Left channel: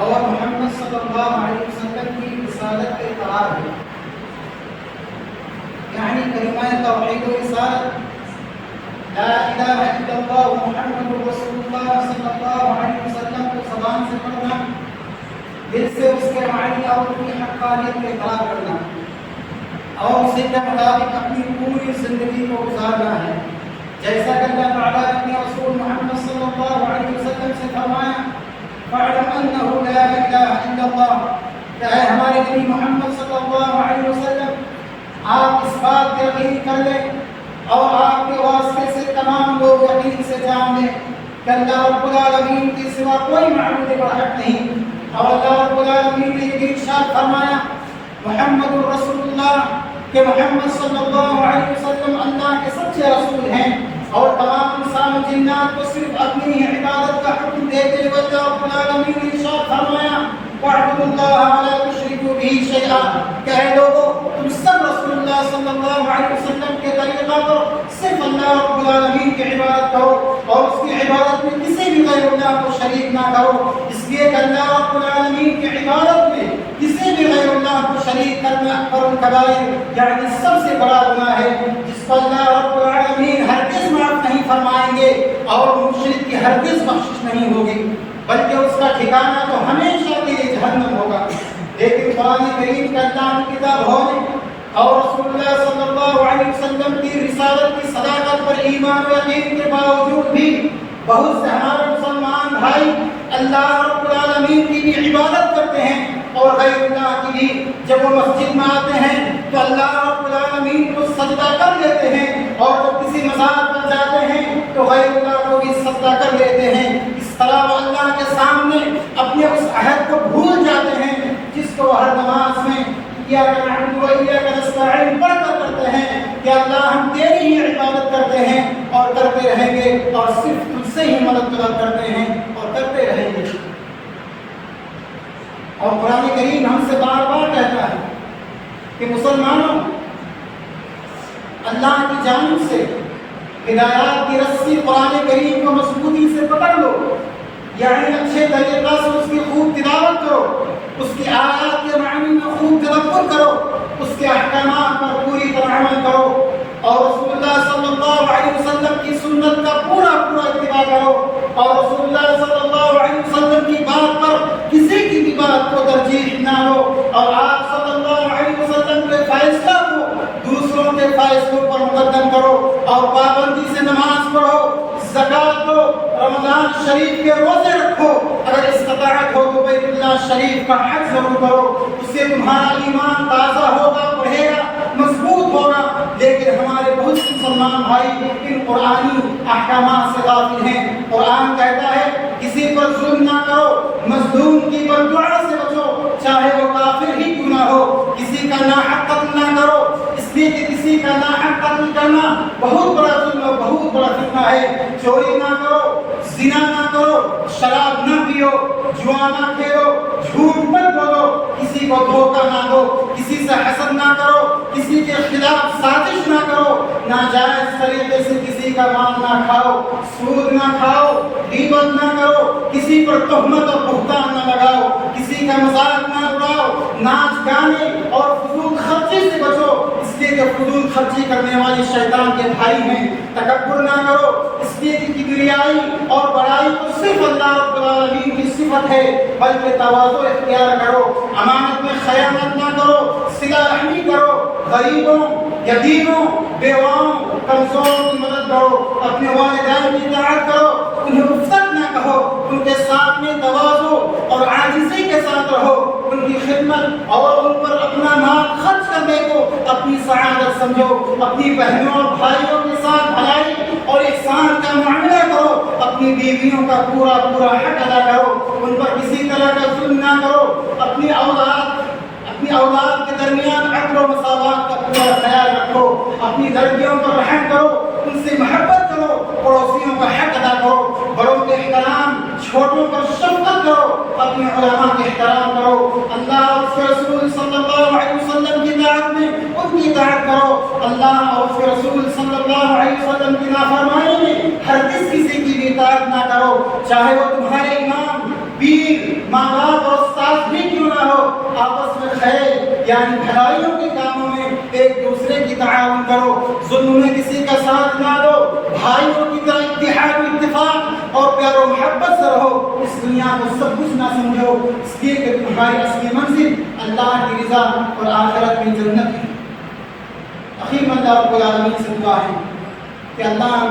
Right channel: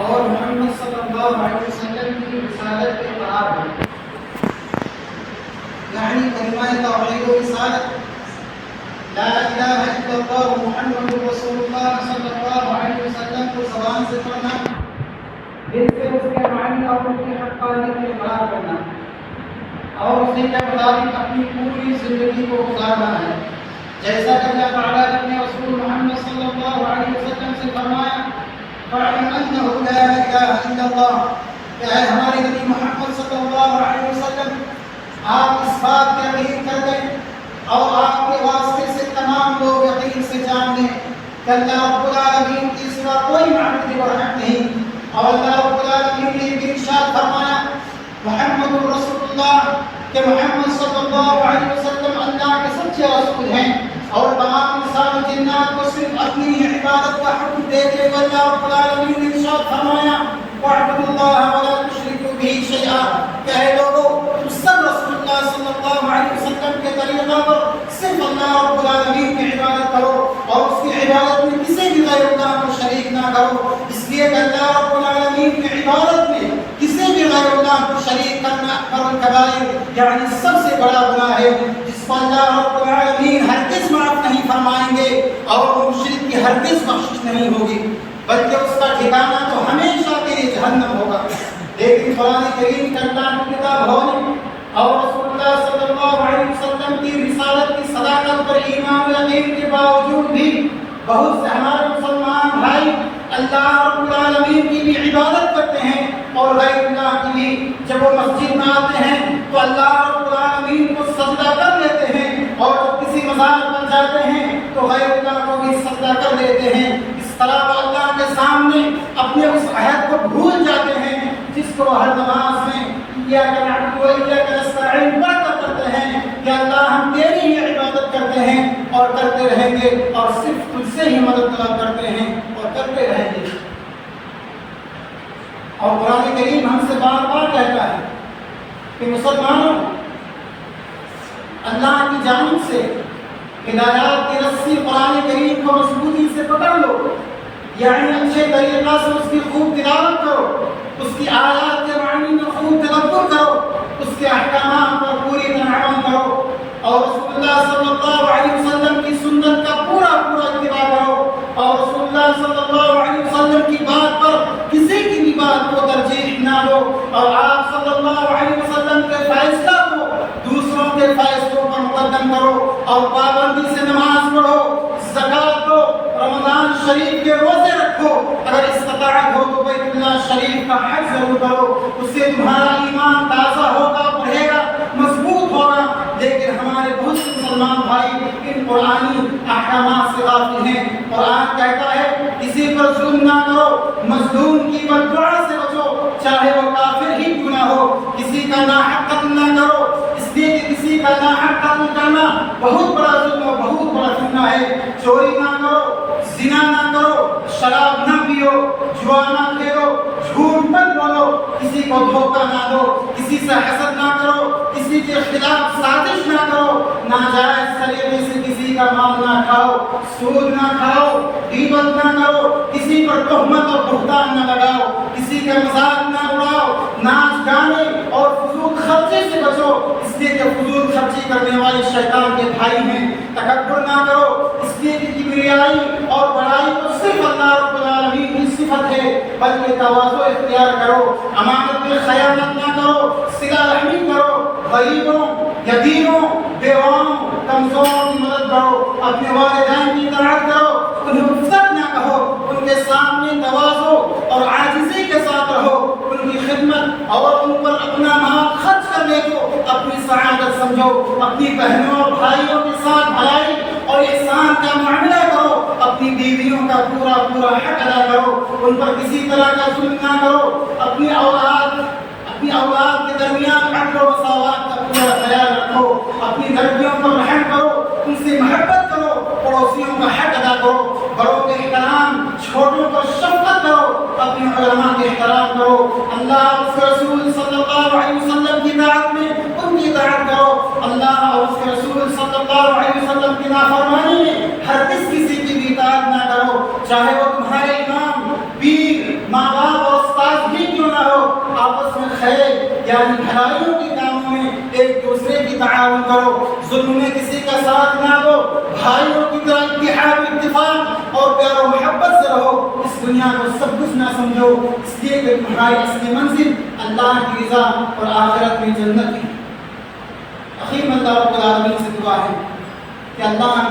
اور محمد صلی اللہ علیہ وسلم کی رسالت کے قرار ہے، یعنی کلمہ توحید و رسالت لا الہ الا اللہ محمد رسول اللہ صلی اللہ علیہ وسلم کو زبان سے پڑھنا، دل سے اس کے معنی اور اس کی حقانیت میں قرار کرنا اور اسی کے مطابق اپنی پوری زندگی کو گزارنا ہے، جیسا کہ اللہ تعالیٰ نے اپنے رسول محمد صلی اللہ علیہ وسلم سے فرمایا فَاعْلَمْ أَنَّهُ لَا إِلَٰهَ إِلَّا اللَّهُ، کہ اے ہمارے نبی محمد صلی اللہ علیہ وسلم آپ اس بات کا یقین کر لیں اور آپ کے واسطے سے تمام لوگ یقین سے جان لیں کہ اللہ رب العالمین کے سوا کوئی معبود برحق نہیں، اور اللہ رب العالمین نے یہ ارشاد فرمایا محمد رسول اللہ کہ محمد صلی اللہ علیہ وسلم اللہ کے سچے رسول ہیں، اور تمام انسان و جنات کو صرف اپنی عبادت کا حکم دیتے ہوئے اللہ رب العالمین نے ارشاد فرمایا وَاعْبُدُوا اللَّهَ وَلَا تُشْرِكُوا بِهِ شَيْئًا، کہ اے لوگوں تم سب رسول اللہ صلی اللہ علیہ وسلم کے طریقہ پر صرف اللہ رب العالمین کی عبادت کرو اور اس کی عبادت میں کسی بھی غیر اللہ کو شریک نہ کرو، اس لیے کہ اللہ رب العالمین کی عبادت میں کسی بھی غیر اللہ کو شریک کرنا کبائر یعنی سب سے بڑا گناہ ہے، جس پر اللہ رب العالمین ہرگز معاف نہیں فرمائیں گے اور مشرک کی ہرگز بخشش نہیں ہوگی، بلکہ اس کا ٹھکانہ تو ہمیشہ کے لیے جہنم ہوگا۔ لیکن قرآن کریم کا اللہ کی کتاب ہونے اور رسول اللہ صلی اللہ علیہ وسلم کی رسالت کی صداقت پر ایمان و یقین کے باوجود بھی بہت سے ہمارے مسلمان بھائی اللہ رب العالمین کی بھی عبادت کرتے ہیں اور غیر اللہ کی بھی، جب وہ مسجد میں آتے ہیں تو اللہ رب العالمین کو سجدہ کر لیتے ہیں اور جب کسی مزار پر جاتے ہیں تو غیر اللہ کو بھی سجدہ کر لیتے ہیں، اس طرح وہ اللہ کے سامنے اپنے اس عہد کو بھول جاتے ہیں جس کو ہر نماز میں ایاک نعبد و ایاک نستعین پڑھ کر کرتے ہیں کہ اللہ ہم تیری ہی عبادت کرتے ہیں اور کرتے رہیں گے اور صرف تجھ سے ہی مدد طلب کرتے ہیں اور کرتے رہیں گے۔ اور قرآن کریم ہم سے بار بار کہتا ہے کہ مسلمانوں اللہ کی جانب سے ہدایات کی رسی قرآن کریم کو مضبوطی سے پکڑ لو، یعنی اچھے طریقہ سے اس کی خوب تلاوت کرو، اس کی آیات کے معنی میں خوب تدبر کرو، اس کے احکامات پر پوری طرح عمل کرو اور رسول اللہ صلی اللہ علیہ وسلم کی سنت کا پورا اتباع کرو اور رسول اللہ صلی اللہ علیہ وسلم کی بات پر کسی کی بھی بات کو ترجیح نہ دو اور آپ صلی اللہ علیہ وسلم کے فیصلہ کو دوسروں کے فیصلوں پر مقدم کرو اور پابندی سے نماز پڑھو، زکات دو، رمضان شریف کے روزے رکھو، اگر استطاعت ہو تو بیت اللہ شریف کا حج ضرور کرو، اس سے تمہارا ایمان تازہ ہوگا، بڑھے گا، مضبوط ہوگا۔ لیکن ہمارے بہت سے مسلمان بھائی ان قرآنی احکامات سے غافل ہیں۔ قرآن کہتا ہے کسی پر ظلم نہ کرو، مظلوم کی بددعا سے بچو چاہے وہ کافر ہی کیوں نہ ہو، کسی کا ناحق قتل نہ کرو، اس لیے کہ کسی کا ناحق قتل کرنا بہت بڑا ظلم اور بہت بڑا فتنہ ہے۔ چوری نہ کرو، زنا نہ کرو، شراب نہ پیو، جوا نہ کھیلو، جھوٹ مت بولو، کسی کو دھوکہ نہ دو، کسی سے حسد نہ کرو، کسی کے خلاف سازش نہ کرو، ناجائز طریقے سے کسی کا مال نہ کھاؤ، سود نہ کھاؤ، غیبت نہ کرو، کسی پر تہمت اور بہتان نہ لگاؤ، کسی کا مذاق نہ اڑاؤ، ناچ گانے اور فضول خرچی سے بچو، اس لیے کہ فضول خرچی کرنے والے شیطان کے بھائی ہیں۔ تکبر نہ کرو، اس لیے کہ کبریائی اور بڑائی تو صرف اللہ رب العالمین کی صفت ہے، بلکہ تواضع اختیار کرو، امانت میں خیانت نہ کرو، صلہ رحمی کرو، غریبوں، یتیموں، بیواؤں، کمزوروں کی مدد کرو، اپنے والدین کی اطاعت کرو، انہیں رخصت نہ کہو، ان کے سامنے تواضع اور عاجزی کے ساتھ رہو، ان کی خدمت اور ان پر اپنا مال خرچ کرنے کو اپنی سعادت سمجھو، اپنی بہنوں اور بھائیوں کے ساتھ بھلائی اور احسان کا معاملہ کرو، اپنی بیویوں کا پورا حق ادا کرو، ان پر کسی طرح کا ظلم نہ کرو، اپنی اولاد کے درمیان عدل و مساوات کا پورا خیال رکھو، اپنی لڑکیوں پر رحم کرو، ان سے محبت کرو، پڑوسیوں کا حق ادا کرو، بڑوں کے احترام، چھوٹوں پر شفقت کرو، اپنے علماء کے احترام کرو، اللہ اور اس کے رسول صلی اللہ علیہ وسلم کی اطاعت میں ان کی اطاعت کرو، اللہ اور اس کے رسول صلی اللہ علیہ وسلم کی نافرمانی میں ہرگز کسی کی بھی اطاعت نہ کرو، چاہے وہ تمہارے امام، پیر، ماں باپ اور الخیر یعنی بھلائیوں کے کاموں میں ایک دوسرے کی تعاون کرو، ظلم میں کسی کا ساتھ نہ دو، بھائیوں کی طرح اتحاد و اتفاق اور پیار و محبت سے رہو، اس دنیا کو سب کچھ نہ سمجھو، اس لیے کہ تمہاری اصلی منزل اللہ کی رضا اور آخرت میں جنت ہے۔ اخیر میں اللہ رب العالمین سے دعا ہے کہ اللہ ہم